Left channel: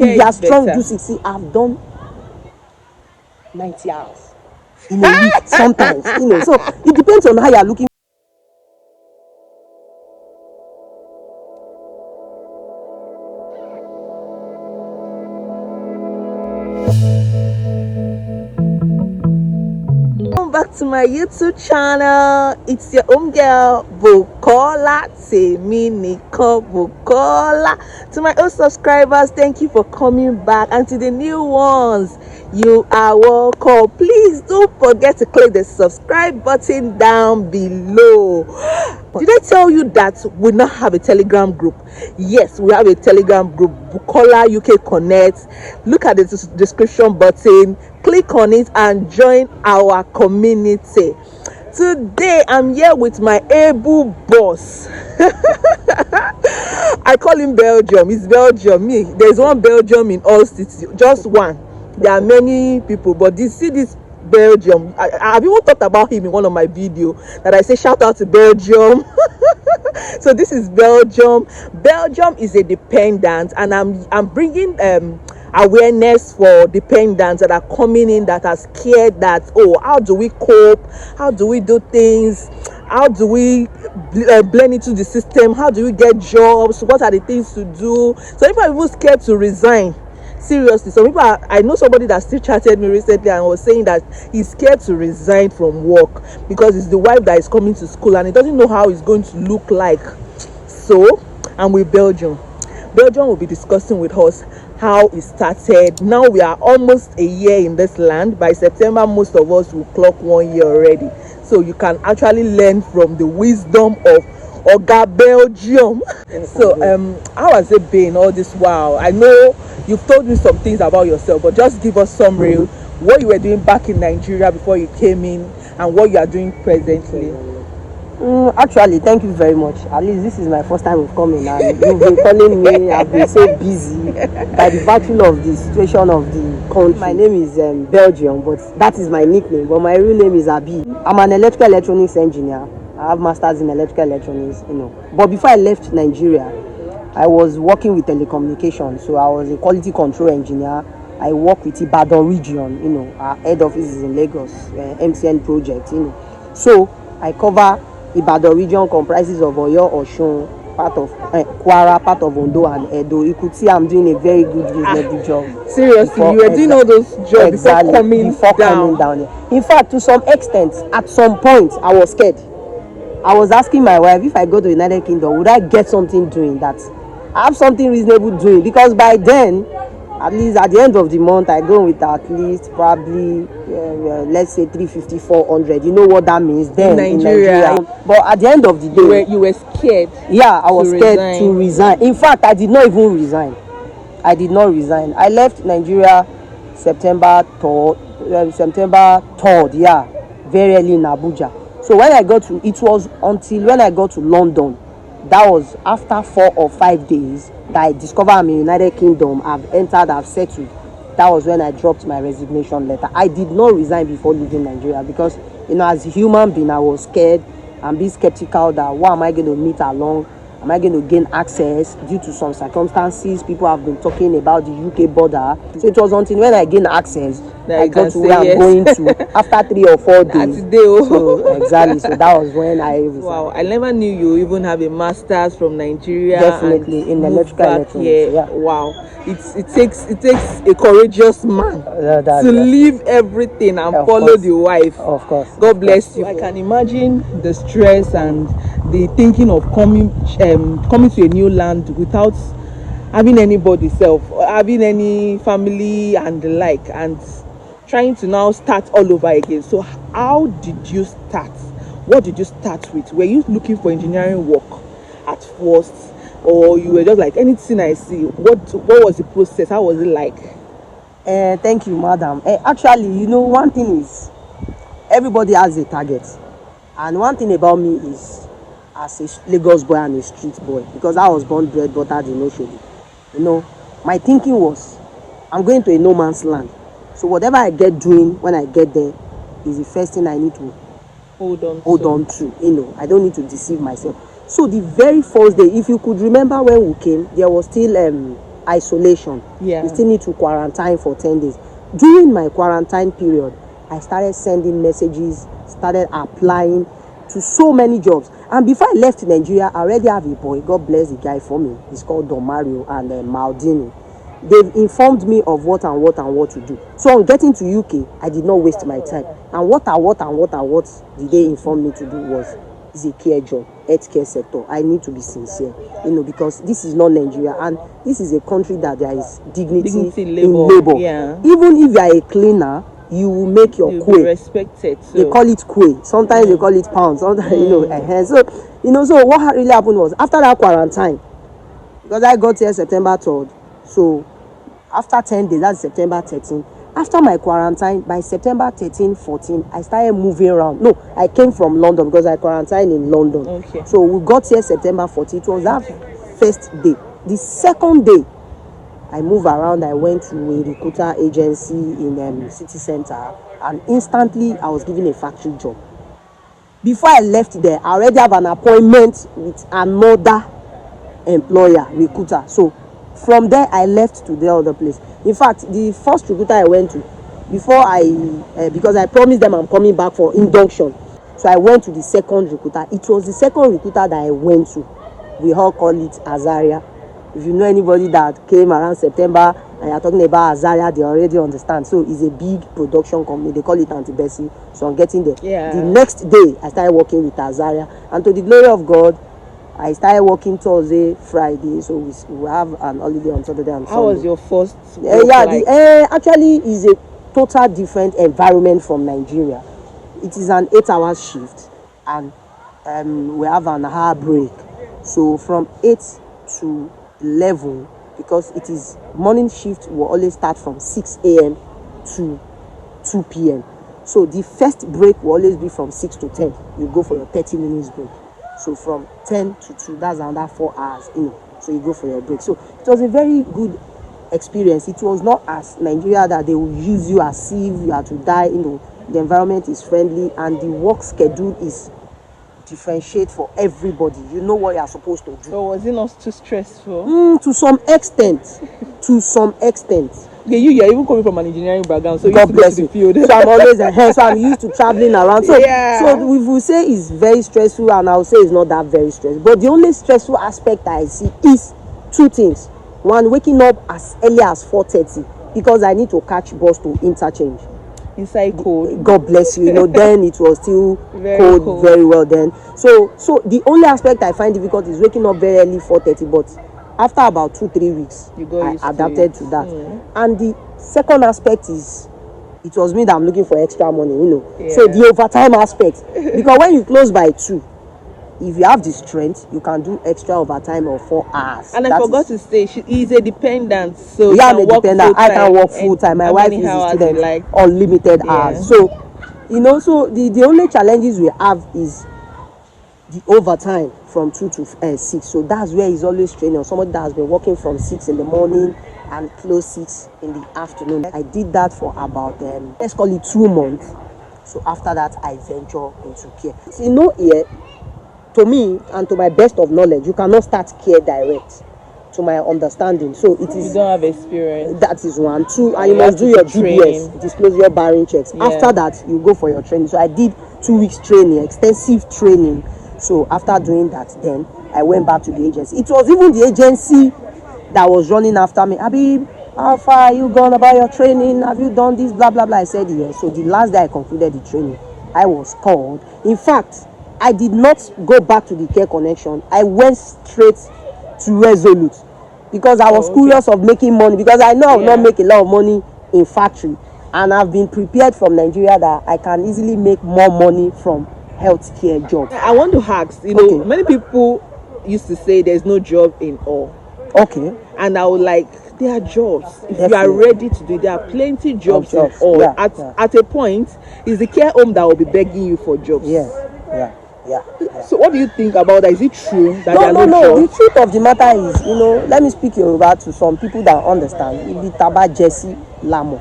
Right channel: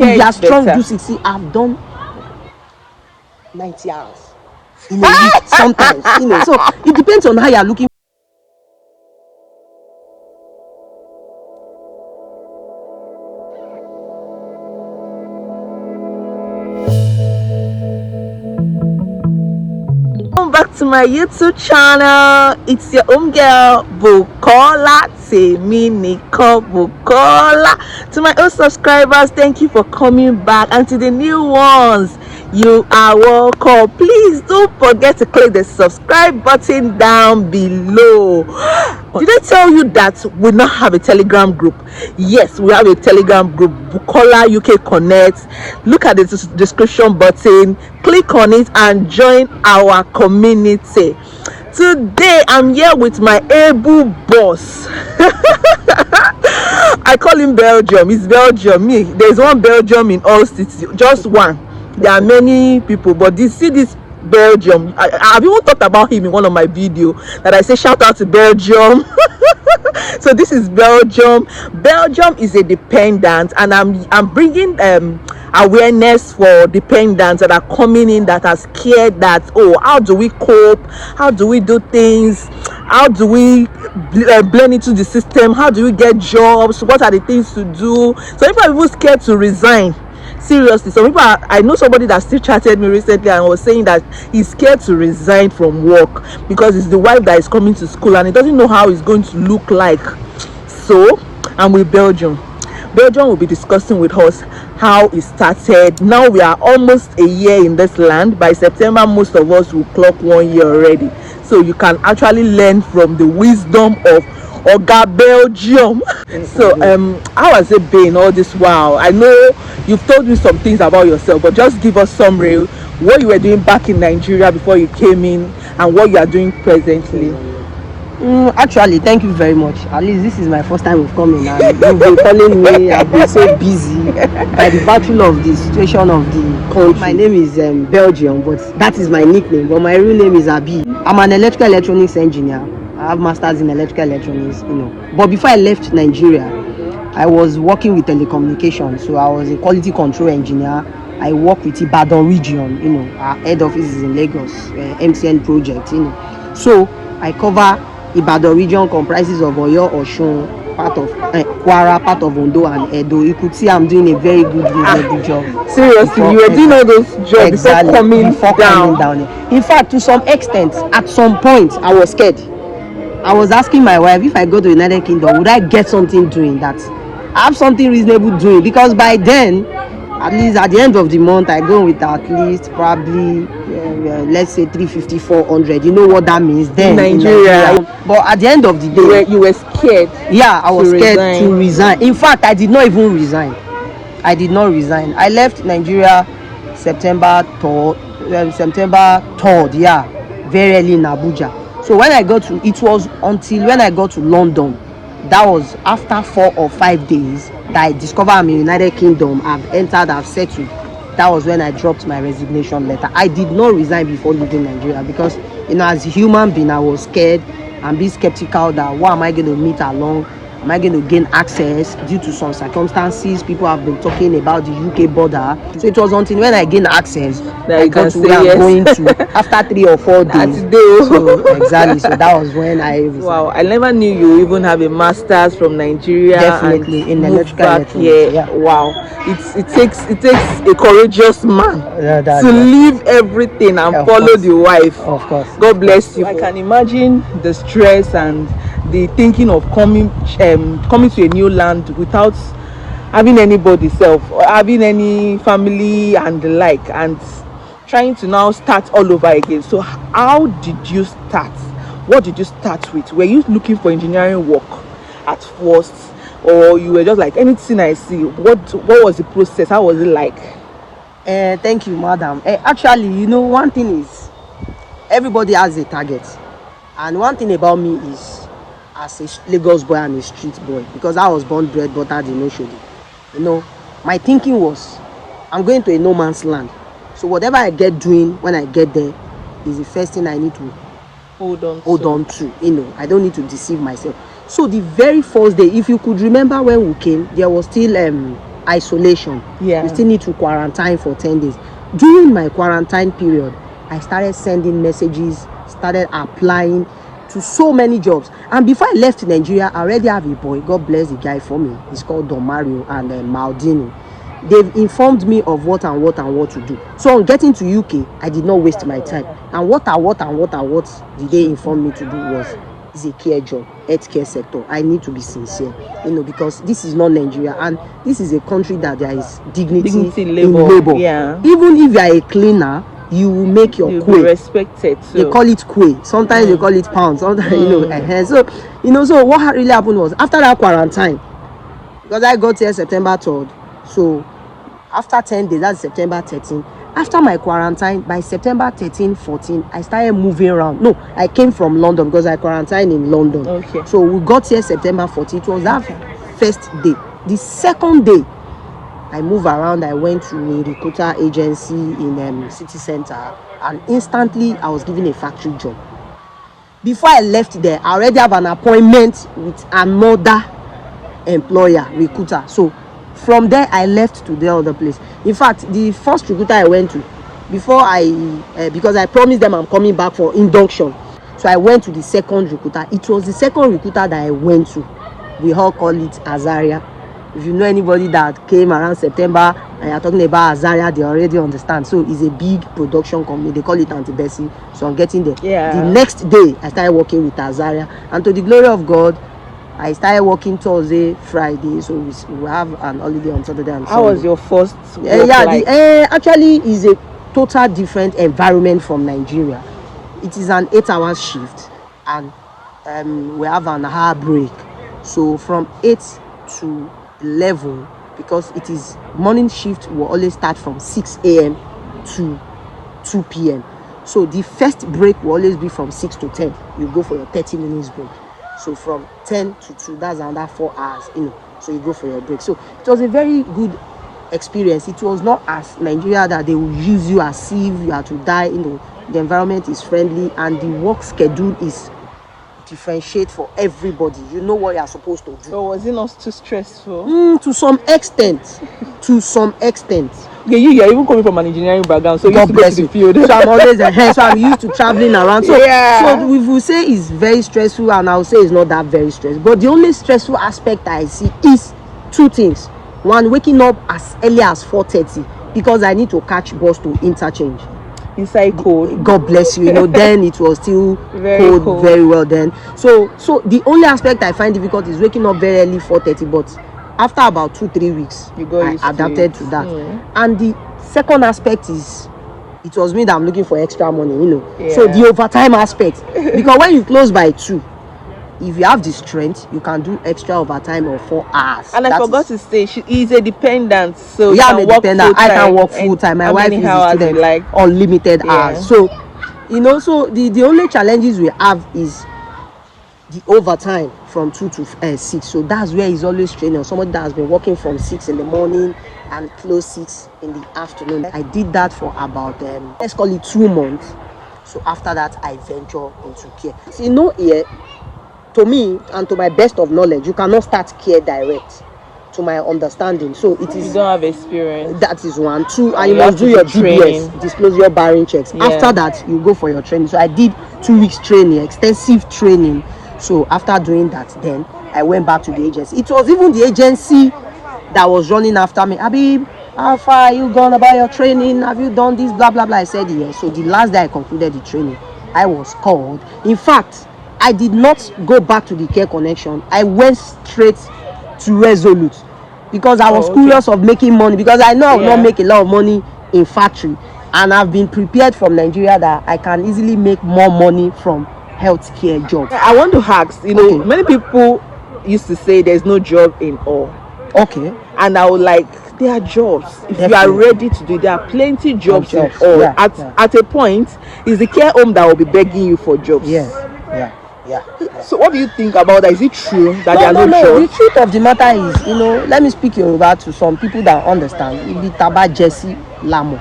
If you are strong, do 60. I've done 90 hours in a week sometimes, So it depends on how you are looking. Welcome back to my YouTube channel. It's your home girl Bukola Teminika Bukola. To my old subscribers, thank you for coming back, and to the new ones, you are welcome. Please don't forget to click the subscribe button down below. Did I tell you that we now have a Telegram group? Yes, we have a Telegram group, Bukola UK Connect. Look at the description button, click on it and join our community. Today I'm here with my able boss. I call him Belgium. It's Belgium. Me, there's one Belgium in all cities, just one. There are many people, but this Belgium, I've even talked about him in one of my videos that I say shout out to Belgium. So this is Belgium. Belgium is a dependent, and I'm bringing awareness for dependents that are coming in, that are scared that, oh, how do we cope, how do we do things, how do we blend into the system, how do we get jobs, what are the things to do. So if I'm even scared to resign, seriously, some people I know somebody that still chatted me recently and was saying that he's scared to resign from work because it's the wife that is coming to school and he doesn't know how it's going to look like. So I'm with Belgium. Belgium will be discussing with us how it started. Now we are almost a year in this land. By September, most of us will clock 1 year already. So you can actually learn from the wisdom of Oga Belgium. So how has it been all this while? I know you've told me some things about yourself, but just give us some real, what you were doing back in Nigeria before you came in and what you are doing presently. Actually, thank you very much. At least this is my first time of coming, and you've been calling me. I've been so busy by the battle of the situation of the country. My name is Belgium, but that is my nickname. But my real name is Abi. I'm an electrical electronics engineer. I have masters in electrical electronics, But before I left Nigeria, I was working with telecommunications. So I was a quality control engineer. I work with Ibadan region, our head office is in Lagos, MTN project, So I cover Ibadan region, comprises of Oyo, Osun, part of Kwara, part of Ondo and Edo. You could see I'm doing a very good reasonable job. Seriously, you were doing all those jobs exactly, before coming down here. In fact, to some extent, at some point, I was scared. I was asking my wife, if I go to United Kingdom, would I get something doing that? I have something reasonable doing, because by then, at least at the end of the month, I go with at least probably let's say 350, 400. You know what that means then in Nigeria. But at the end of the day, you were scared. Yeah, I was scared to resign. In fact, I did not even resign. I left Nigeria September 3rd, yeah, very early in Abuja. So when I got to, it was until when I got to London, that was after 4 or 5 days that I discovered I'm in United Kingdom. I've entered, I've settled. That was when I dropped my resignation letter. I did not resign before leaving Nigeria because, as a human being, I was scared and be skeptical that what am I going to meet along? Am I going to gain access due to some circumstances? People have been talking about the UK border. So it was until when I gained access that I got to where I'm going to after 3 or 4 days. So, exactly. So that was when I resigned. Wow, I never knew you even have a master's from Nigeria. Definitely, and in electrical electronics. Yeah. Wow. It takes a courageous man to leave everything and follow the wife. Of course. God bless you. I can imagine the stress and the thinking of coming to a new land without having anybody having any family and the like, and trying to now start all over again. So how did you start? What did you start with? Were you looking for engineering work at first, or you were just like, anything I see? What was the process? How was it like? Thank you, madam. Actually, one thing is, everybody has a target, and one thing about me is, as a Lagos boy and a street boy, because I was born, bred, buttered in Oshodi, my thinking was, I'm going to a no man's land. So whatever I get doing when I get there is the first thing I need to hold on to. I don't need to deceive myself. So the very first day, if you could remember when we came, there was still isolation. Yeah. You still need to quarantine for 10 days. During my quarantine period, I started sending messages, started applying to so many jobs. And before I left Nigeria, I already have a boy. God bless the guy for me. He's called Don Mario and Maldini. They've informed me of what to do. So on getting to UK, I did not waste my time. And what did they inform me to do was, is a care job, healthcare sector. I need to be sincere, because this is not Nigeria, and this is a country that there is dignity in labor. Yeah. Even if you are a cleaner, you will make your You'll quay. be respected. So. They call it quay. Sometimes they call it pound. Sometimes So what really happened was, after that quarantine, because I got here September 3rd, so after 10 days, that's September 13th. After my quarantine, by September 13, 14, I started moving around. No, I came from London because I quarantined in London. Okay. So we got here September 14. It was that first day. The second day, I moved around. I went to a recruiter agency in city center, and instantly I was given a factory job. Before I left there, I already have an appointment with another employer, recruiter. So from there, I left to the other place. In fact, the first recruiter I went to, before because I promised them I'm coming back for induction. So I went to the second recruiter. It was the second recruiter that I went to. We all call it Azaria. If you know anybody that came around September and you're talking about Azaria, they already understand. So it's a big production company. They call it Antibesi. So I'm getting there. Yeah. The next day, I started working with Azaria. And to the glory of God, I started working Thursday, Friday, so we have an holiday on Saturday and Sunday. How was your first work like? Actually, it's a total different environment from Nigeria. It is an 8-hour shift, and we have an hour break. So from 8 to 11, because it is morning shift, will always start from 6 a.m. to 2 p.m. So the first break will always be from 6 to 10. You go for your 30 minutes break. So from 10 to 2, that's another 4 hours, so you go for your break. So it was a very good experience. It was not as Nigeria that they will use you as if you are to die. The environment is friendly and the work schedule is differentiate for everybody. You know what you are supposed to do. So was it not too stressful? To some extent. Yeah, you're even coming from an engineering background, so you God used to go bless to you. the field. So I'm always ahead. So I'm used to traveling around. So, Yeah. so we will say it's very stressful, and I'll say it's not that very stressful. But the only stressful aspect I see is two things. One, waking up as early as 4:30 because I need to catch bus to interchange. Inside cold. God bless you. Then it was still Very cold. very well then. So the only aspect I find difficult is waking up very early 4:30, but after about 2-3 weeks, I adapted to that. And the second aspect is, it was me that I'm looking for extra money, Yeah. So the overtime aspect, because when you close by 2, if you have the strength, you can do extra overtime of 4 hours. And I forgot to say, she is a dependent, so yeah, I'm can a work dependent. I can work full-time. full time. My How wife many is a hours student, you like? unlimited Yeah. hours. So so the only challenges we have is the overtime from 2 to 6. So that's where he's always training. Somebody that has been working from 6 in the morning and close 6 in the afternoon. I did that for about let's call it 2 months. So after that, I venture into care. So here, to me and to my best of knowledge, you cannot start care direct, to my understanding. So it is, you don't have experience. that is 1. 2, and You you must have to do your do training. DBS, disclosure barring checks. Yeah. After that, you go for your training. So I did 2 weeks training, extensive training. So after doing that, then I went back to the agency. It was even the agency that was running after me. Habib, how far are you gone about your training? Have you done this? Blah, blah, blah. I said yes. So the last day I concluded the training, I was called. In fact, I did not go back to the Care Connection. I went straight to Resolute because I was curious of making money, because I know I will not make a lot of money in factory. And I've been prepared from Nigeria that I can easily make more money from healthcare jobs. I want to ask, Okay. many people used to say there's no job in all. Okay. And I would like, there are jobs. If you are Definitely. ready to do it, there are plenty jobs in jobs. all. Yeah, At a point, it's the care home that will be begging you for jobs. Yeah. So what do you think about that? Is it true that there are no The jobs? truth of the matter is, let me speak Yoruba to some people that understand. Ibi taba Jesse Lamo.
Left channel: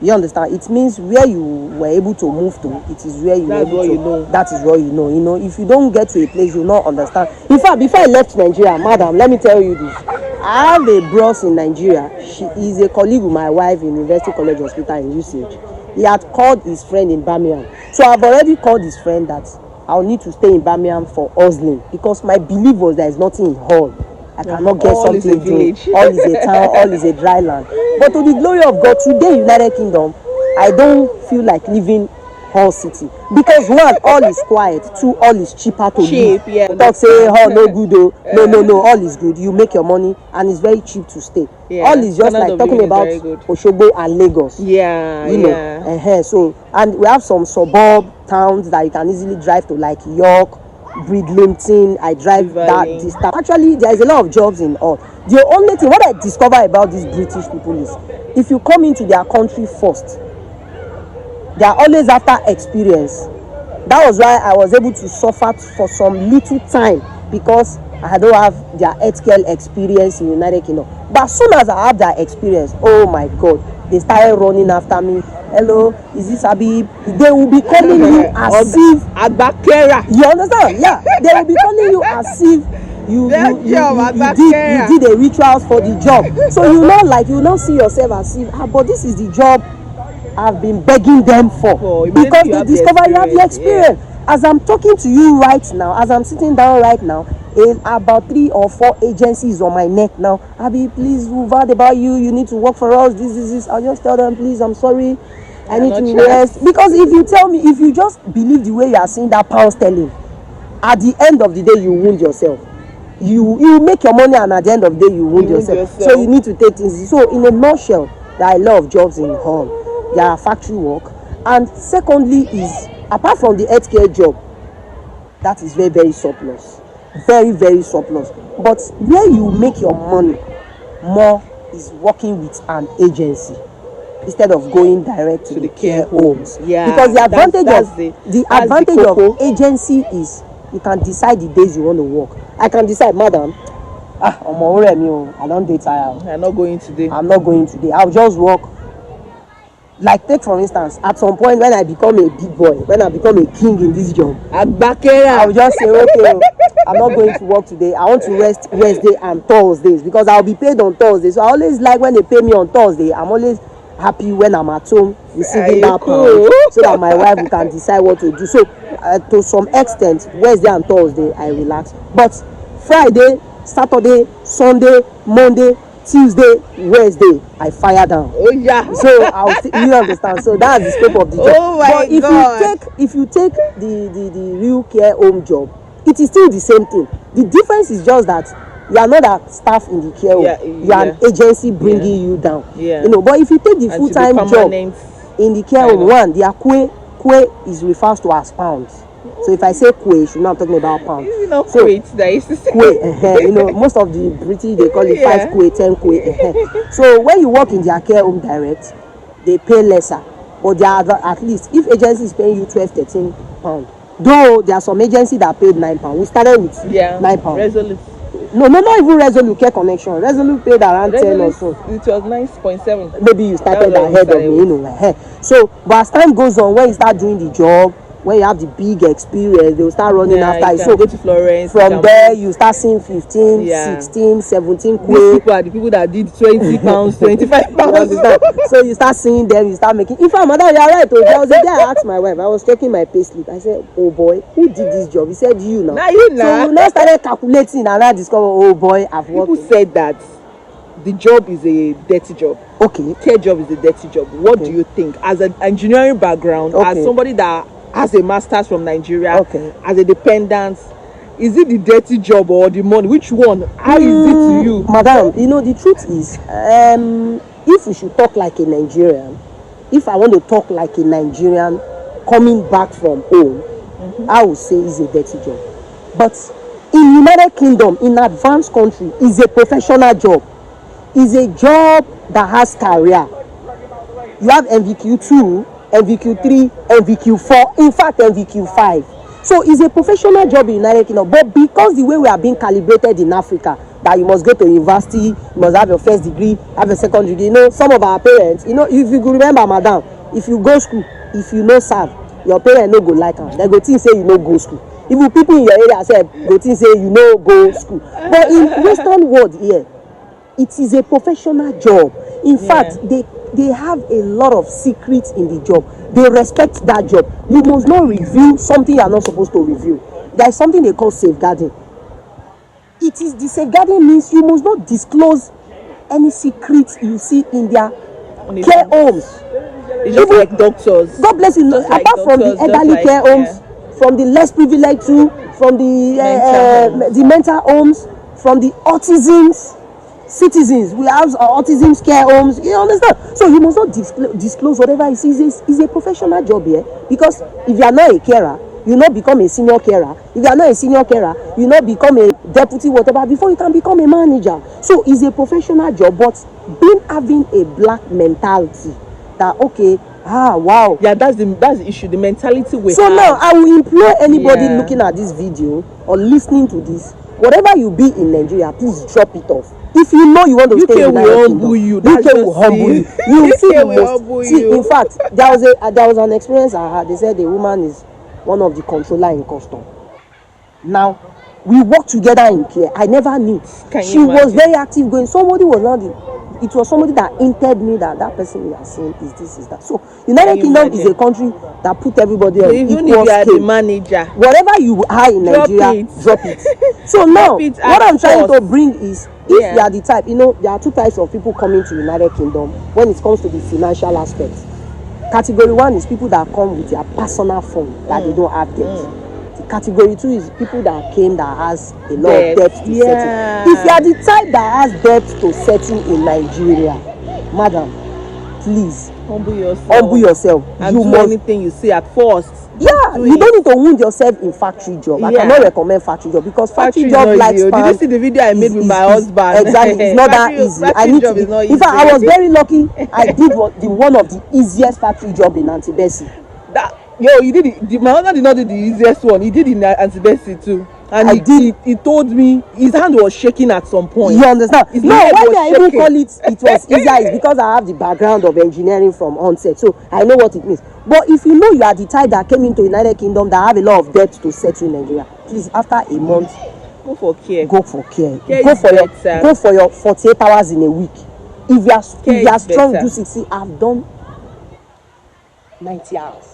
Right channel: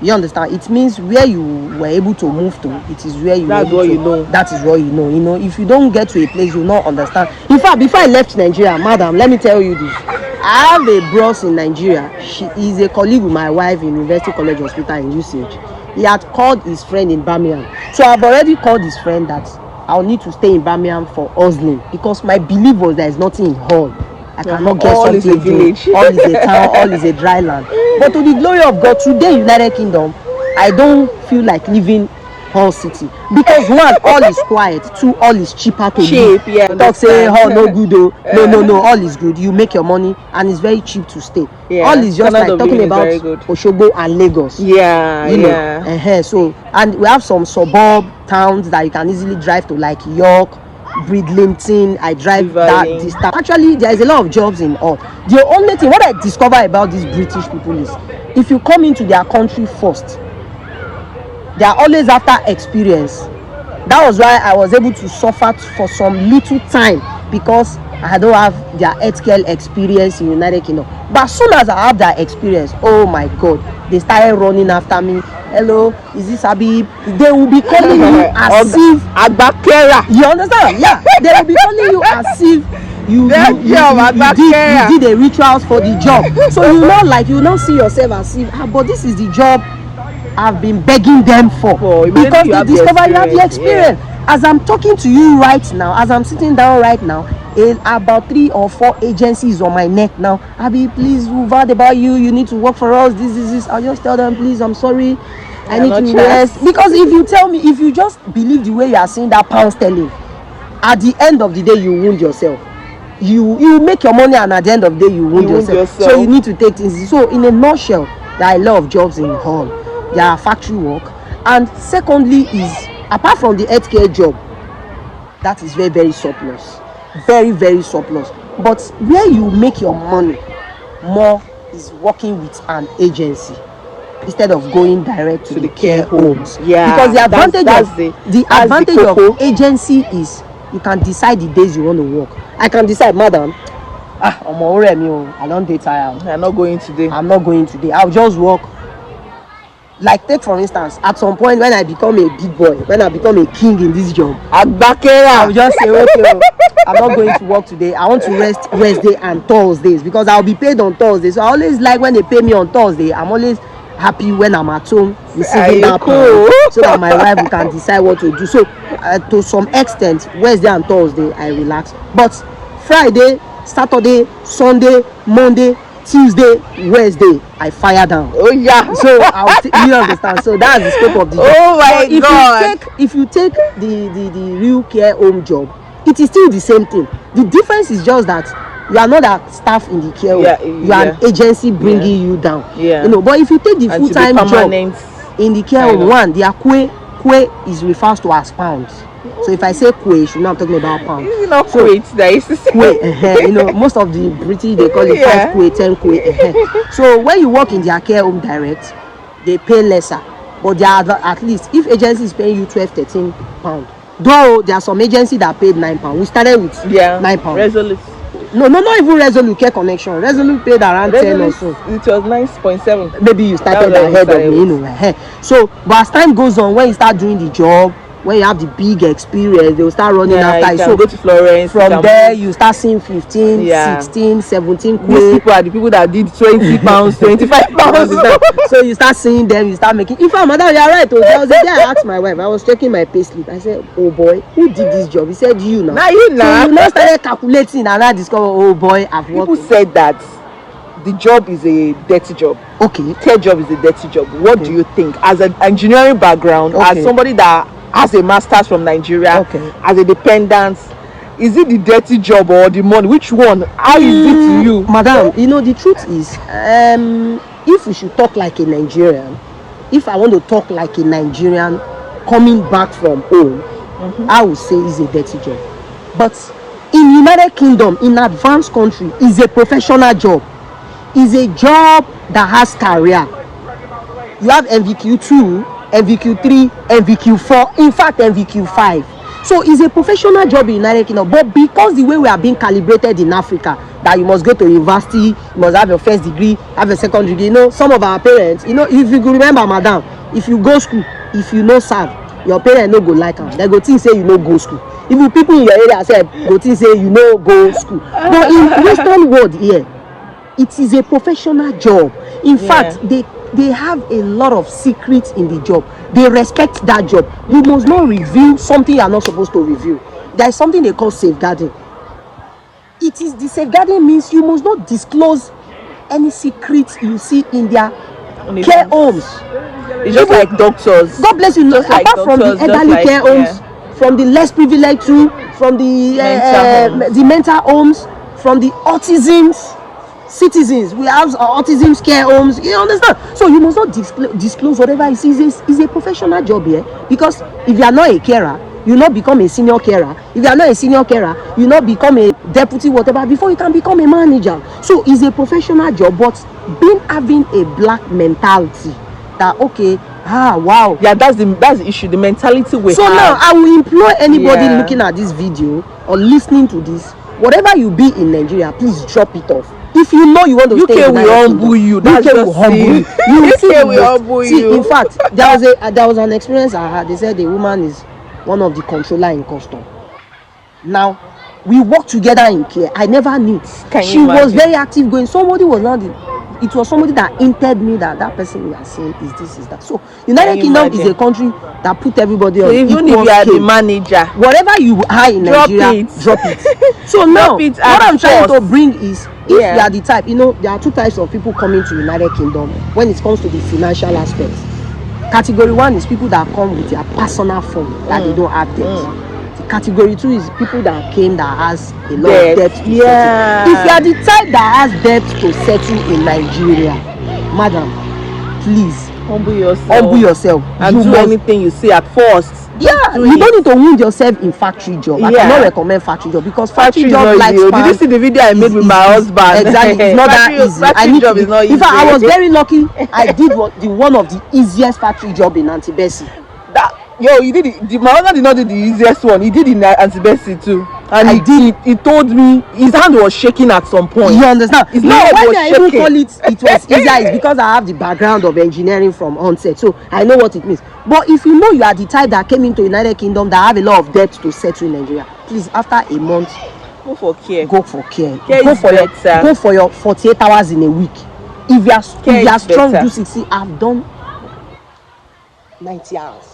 You understand? It means where you were able to move to, it is where you That's were what able you to, know. that is what you know. You know, if you don't get to a place, you will not understand. In fact, before I left Nigeria, madam, let me tell you this. I have a bros in Nigeria. She is a colleague with my wife in University College Hospital in UCH. He had called his friend in Birmingham. So I've already called his friend that I'll need to stay in Birmingham for hustling, because my belief was there is nothing in Hull. I cannot get all something is a to do. village. All is a town, all is a dry land. But to the glory of God, today in United Kingdom, I don't feel like living Hull City, because one, all is quiet. Two, all is cheaper to live. Cheap, yeah. Talk say, oh, no good oh. No, all is good. You make your money and it's very cheap to stay. Yeah. All is just Standard like of talking living is about very good. Osogbo and Lagos. Yeah, You know, yeah. so, and we have some suburb towns that you can easily drive to, like York, Bridlington. I drive that Dividing. distance. Actually, there is a lot of jobs in all. The only thing what I discover about these British people is, if you come into their country first, they are always after experience. That was why I was able to suffer for some little time, because I don't have their healthcare experience in United Kingdom. But as soon as I have that experience, oh my God, they started running after me. Hello, is this Habib? They will be calling you as if Agbakera. you understand? Yeah, they will be calling you as if you did a rituals for the job. So you know, like, you not see yourself as if, but this is the job I've been begging them for, because they discover you have the experience. Yeah. As I'm talking to you right now, as I'm sitting down right now, about 3 or 4 agencies on my neck now. Abi, please, we've heard about you. You need to work for us. This. I'll just tell them, please, I'm sorry. I need to rest. Because if you tell me, if you just believe the way you are seeing that pound sterling, at the end of the day, you wound yourself. You make your money, and at the end of the day, you wound yourself. So you need to take things. So in a nutshell, there are a lot of jobs in Hull. There are factory work, and secondly is, apart from the healthcare job, that is very, very surplus, very, very surplus. But where you make your money more is working with an agency instead of going direct to the care homes. Yeah, because the advantage of agency is you can decide the days you want to work. I can decide, madam, I don't dey tired. I'm not going today. I'll just work. Like, take for instance, at some point when I become a big boy, when I become a king in this job, I'll just say, okay, I'm not going to work today. I want to rest Wednesday and Thursdays, because I'll be paid on Thursday. So I always like when they pay me on Thursday. I'm always happy when I'm at home receiving that pay, so that my wife can decide what to do. So to some extent, Wednesday and Thursday I relax, but Friday, Saturday, Sunday, Monday, Tuesday, Wednesday, I fire down. Oh yeah. So you understand. So that's the scope of the job. Oh my God. If you take the real care home job, it is still the same thing. The difference is just that you are not a staff in the care home. You are an agency bringing you down. Yeah. You know, but if you take the full-time job in the care home, one, the kwe is refers to as pounds. So if I say kwe, you know I'm talking about pounds. You know, kwe, kwe, you know, most of the British, they call it 5 kwe, 10 kwe. So when you work in their care home direct, they pay lesser. But they are at least, if agency is paying you 12, 13 pounds, though there are some agencies that paid 9 pounds. We started with 9 pounds. Resolute. No, not even Resolute Care Connection. Resolute paid around 10 or so. It was 9.7. Maybe you started ahead of me, you know. So, but as time goes on, when you start doing the job, when you have the big experience, they will start running after you. So go to Florence. From there, you start seeing 15, 16, 17. These people are the people that did 20 pounds, 25 pounds. So you start seeing them, you start making. In fact, madam, you are right. I was there, I asked my wife, I was checking my payslip. I said, oh boy, who did this job? He said, you now. Now you now. So you now started calculating, and I discovered, oh boy, I've worked. People said that the job is a dirty job. Okay. Care job is a dirty job. What do you think? As an engineering background, as somebody that has a master's from Nigeria, as a dependent, is it the dirty job or the money? Which one? How is it to you? Madam, you know, the truth is, if we should talk like a Nigerian, if I want to talk like a Nigerian coming back from home, I would say it's a dirty job. But in United Kingdom, in advanced country, it's a professional job. It's a job that has career. You have MVQ2, MVQ3, MVQ4, in fact MVQ5. So it's a professional job in United Kingdom. But because the way we are being calibrated in Africa, that you must go to university, you must have your first degree, have a second degree. You know, some of our parents, you know, if you could remember, madam, if you go school, if you no serve, your parents no go like am. They go think say you no go school. Even people in your area say go think say you no go school. But in Western world here, it is a professional job. In fact, they have a lot of secrets in the job. They respect that job. You must not reveal something you are not supposed to reveal. There is something they call safeguarding. It is the safeguarding means you must not disclose any secrets you see in their care homes. It's just like doctors. God bless you. Just Apart like from the doctors, elderly care homes, from the less privileged too, from the mental homes, from the autisms citizens, we have autism care homes. You understand? So you must not disclose whatever you see. Is a professional job here, because if you are not a carer, you not become a senior carer. If you are not a senior carer, you not become a deputy whatever before you can become a manager. So it's a professional job, but having a black mentality that wow, yeah, that's the issue, the mentality we so have. now I will implore anybody looking at this video or listening to this, whatever you be in Nigeria, please drop it off. If you know you want to stay in UK will humble you. That's UK will humble you. You will see UK will humble you. See, in fact, there was an experience I had. They said the woman is one of the controller in custom. Now, we worked together in care. I never knew. She was very active going. Somebody was not it was somebody that hinted me that person we are seeing is this, is that. So United Kingdom is a country that put everybody on even if you are the manager, whatever you are in Nigeria, drop it. So now what I'm trying to bring is, if you are the type, you know, there are two types of people coming to United Kingdom when it comes to the financial aspects. Category 1 is people that come with their personal fund that they don't have debt. Category 2 is people that came that has a lot of debt to settle. If you are the type that has debt to settle in Nigeria, madam, please humble yourself. And do anything you say at first. You don't need to wound yourself in factory job. I cannot recommend factory job, because factory job lifespan. Did you see the video I made with my husband? Exactly, it's not that easy. Factory job is not easy. In fact, I was very lucky. I did one of the easiest factory job in Antibesi. He did it. My husband did not do the easiest one. He did in Antibesi too. And he told me his hand was shaking at some point. You understand? Why I even call it was easier is because I have the background of engineering from onset, so I know what it means. But if you know you are the type that came into United Kingdom that have a lot of debt to settle in Nigeria, please, after a month, go for care. Go for care. Go for your 48 hours in a week. If you are strong, do 60. I've done 90 hours.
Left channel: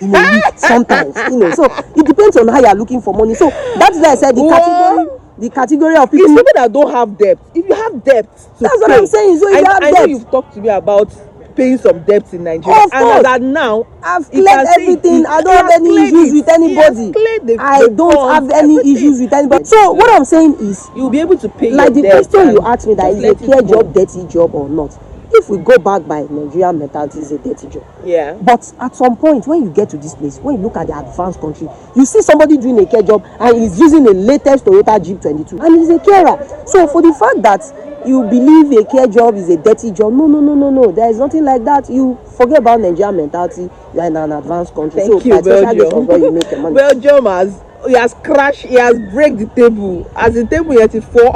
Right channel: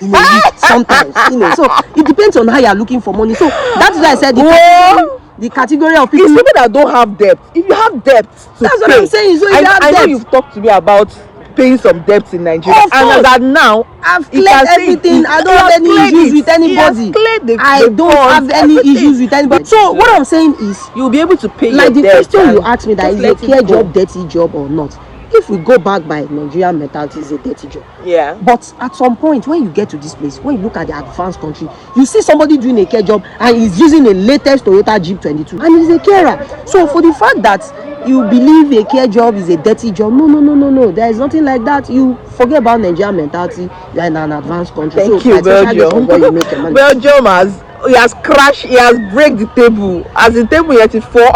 In a week, sometimes, you know. So it depends on how you are looking for money. So that's why I said the category of people. It's people that don't have debt. If you have debt, that's what I'm saying. So I know you've talked to me about paying some debts in Nigeria, and as now I've cleared everything. I don't have any issues with anybody. I don't have any issues with anybody. So what I'm saying is, you'll be able to pay like the question you asked me, that is a care job dirty job or not. If we go back by Nigerian mentality, it's a dirty job. Yeah. But at some point, when you get to this place, when you look at the advanced country, you see somebody doing a care job and he's using the latest Toyota Jeep 22, and he's a carer. So for the fact that you believe a care job is a dirty job, no. There is nothing like that. You forget about Nigerian mentality. You're in an advanced country. Thank you, Belgium. Belgium has crashed, he has break the table. As the table 84.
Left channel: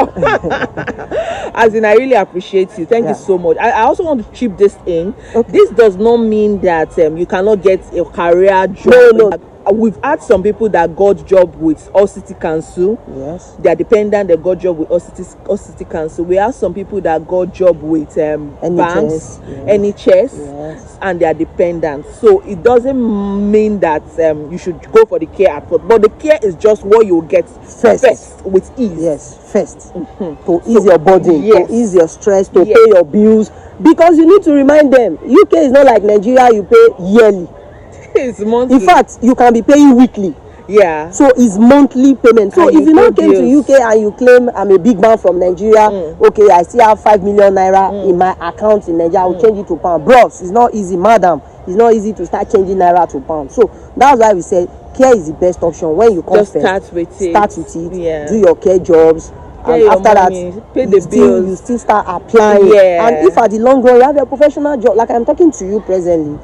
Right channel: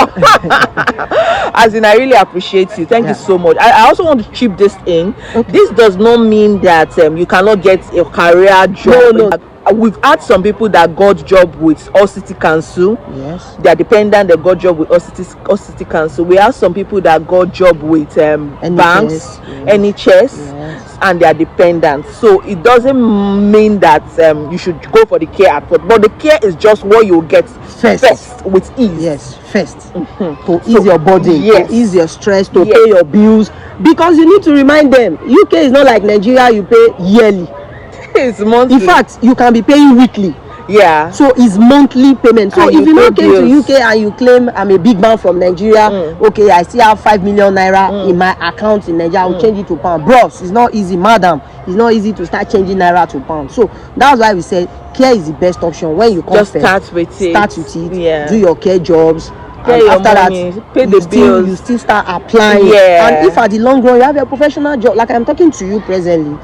As in, I really appreciate you. Thank you so much. I also want to chip this in. Okay. This does not mean that you cannot get a career job. No. We've had some people that got job with All City Council. Yes. They are dependent, they got job with All City Council. We have some people that got job with banks, NHS. Yes. And they are dependent. So it doesn't mean that you should go for the care at first. But the care is just what you get first with ease. Yes, first. To ease your body, to ease your stress, to pay your bills. Because you need to remind them, UK is not like Nigeria, you pay yearly. It's monthly. In fact, you can be paying weekly. Yeah. So it's monthly payment. So if you not came to UK and you claim I'm a big man from Nigeria, okay, I still have 5 million naira in my account in Nigeria, I will change it to pound. Bros, it's not easy, madam. It's not easy to start changing naira to pound. So that's why we said care is the best option. When you come just first, start with it. Yeah. Do your care jobs. Pay and after money, that, pay the bills. You still start applying. Yeah. And if at the long run you have a professional job, like I'm talking to you presently,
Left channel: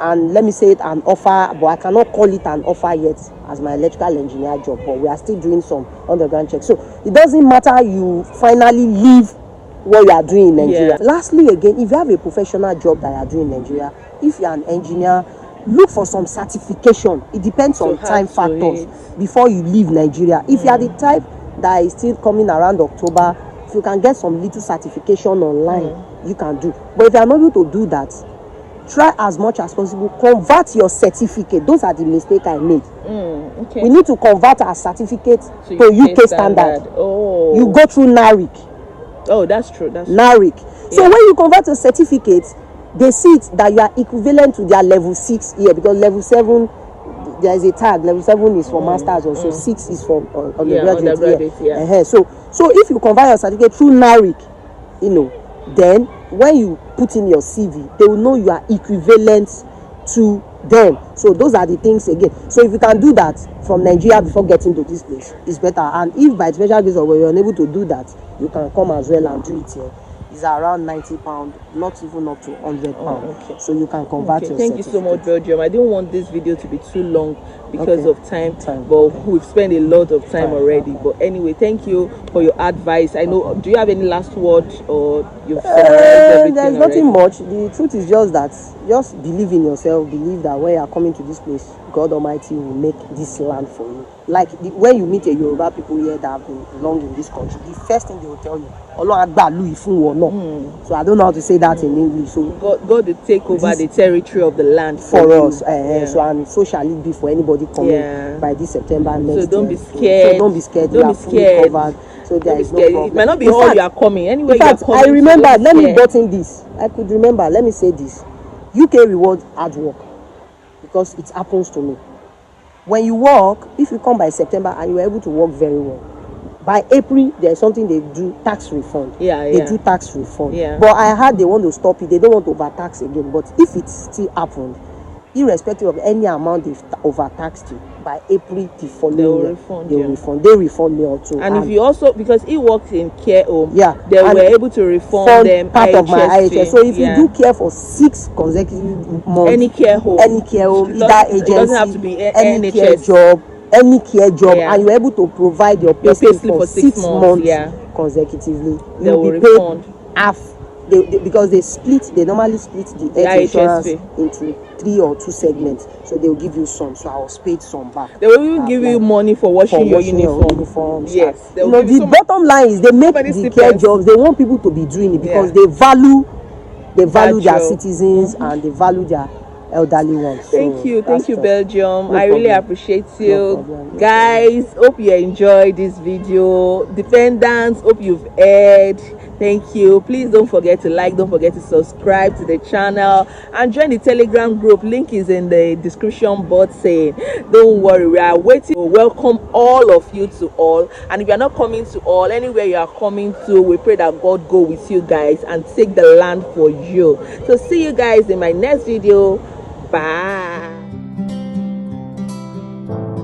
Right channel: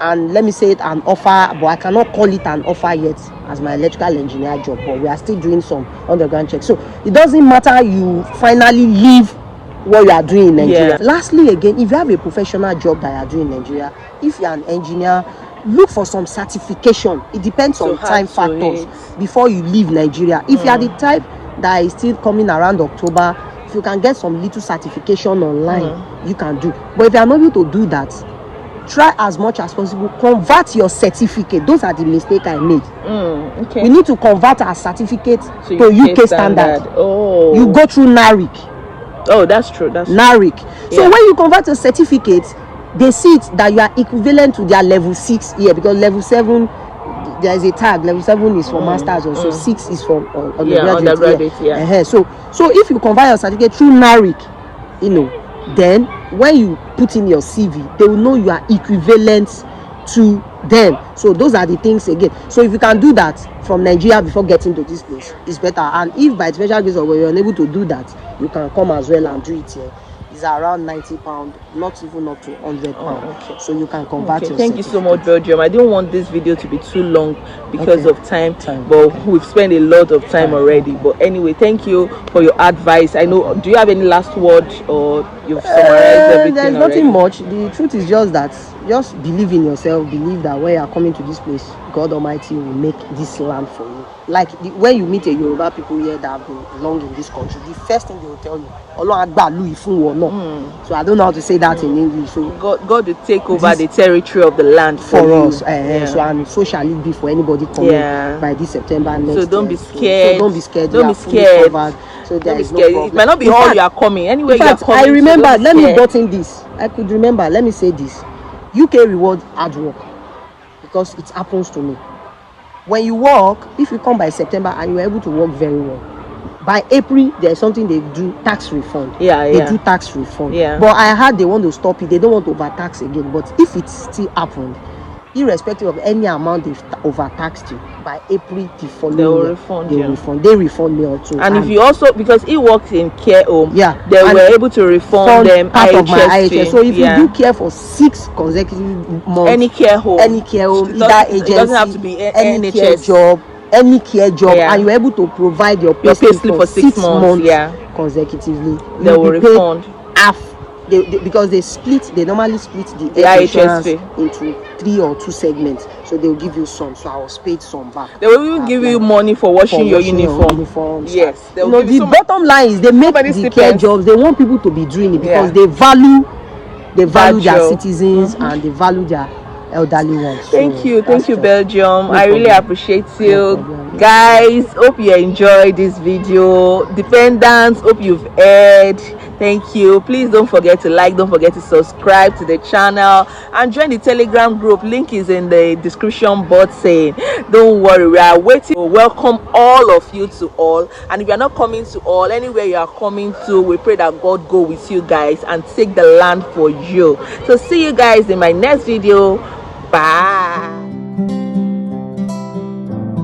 and let me say it, an offer, but I cannot call it an offer yet as my electrical engineer job, but we are still doing some underground checks. So it doesn't matter you finally leave what you are doing in Nigeria. Lastly, again, if you have a professional job that you are doing in Nigeria, if you are an engineer, look for some certification. It depends on time factors before you leave Nigeria. If you are the type that is still coming around October, if you can get some little certification online, you can do. But if you are not able to do that, try as much as possible, convert your certificate. Those are the mistakes I made. We need to convert our certificate to UK standard. You go through NARIC. Oh, that's true. That's NARIC. So when you convert a certificate, they see it that you are equivalent to their level 6 here, because level 7 there is a tag. Level 7 is for masters, also 6 is for undergraduate. So if you convert your certificate through NARIC, you know, then when you put in your CV, they will know you are equivalent to them. So those are the things again. So if you can do that from Nigeria before getting to this place, it's better. And if by special case of you're unable to do that, you can come as well and do it here. It's around £90, not even up to £100. So you can convert your Thank you so much, Belgium. I didn't want this video to be too long because of time, but we've spent a lot of time already. But anyway, thank you for your advice. I know, do you have any last word, or you've summarized everything? There's nothing much. The truth is just that, just believe in yourself. Believe that when you are coming to this place, God Almighty will make this land for you. Like when you meet a Yoruba people here that have been long in this country, the first thing they will tell you, so I don't know how to say that in English. So God will take over the territory of the land for us. So and so shall it be for anybody coming by this September next year. So don't be scared. So don't be scared. Don't be scared. So there is no problem. It might not be all you are coming. Anyway, in fact, I remember. Let me button this. I could remember. Let me say this. UK reward hard work, because it happens to me. When you work, if you come by September and you are able to work very well, by April there's something they do, tax refund. They do tax refund. But I heard they want to stop it. They don't want to overtax again. But if it still happened, irrespective of any amount they've overtaxed you, by April the following year, they refund me also. And if you also, because he works in care home, they were able to refund them part of my IHS. So if you do care for 6 consecutive months, any care home, either agency, it doesn't have to be any care job, and you're able to provide your payslip for 6 months consecutively, they will refund half. Because they normally split the health insurance into 3 or 2 segments, so they will give you some. So I was paid some back. They will even give you money for washing your uniform. Yes, the bottom line is they make the care jobs. They want people to be doing it because they value their citizens and they value their elderly ones. Thank you, Belgium. I really appreciate you. Guys, hope you enjoyed this video. Dependents, hope you've heard. Thank you. Please don't forget to like, don't forget to subscribe to the channel, and join the Telegram group. Link is in the description box. Don't worry, we are waiting to welcome all of you to all. And if you are not coming to all, anywhere you are coming to, we pray that God go with you guys and take the land for you. So see you guys in my next video. Bye.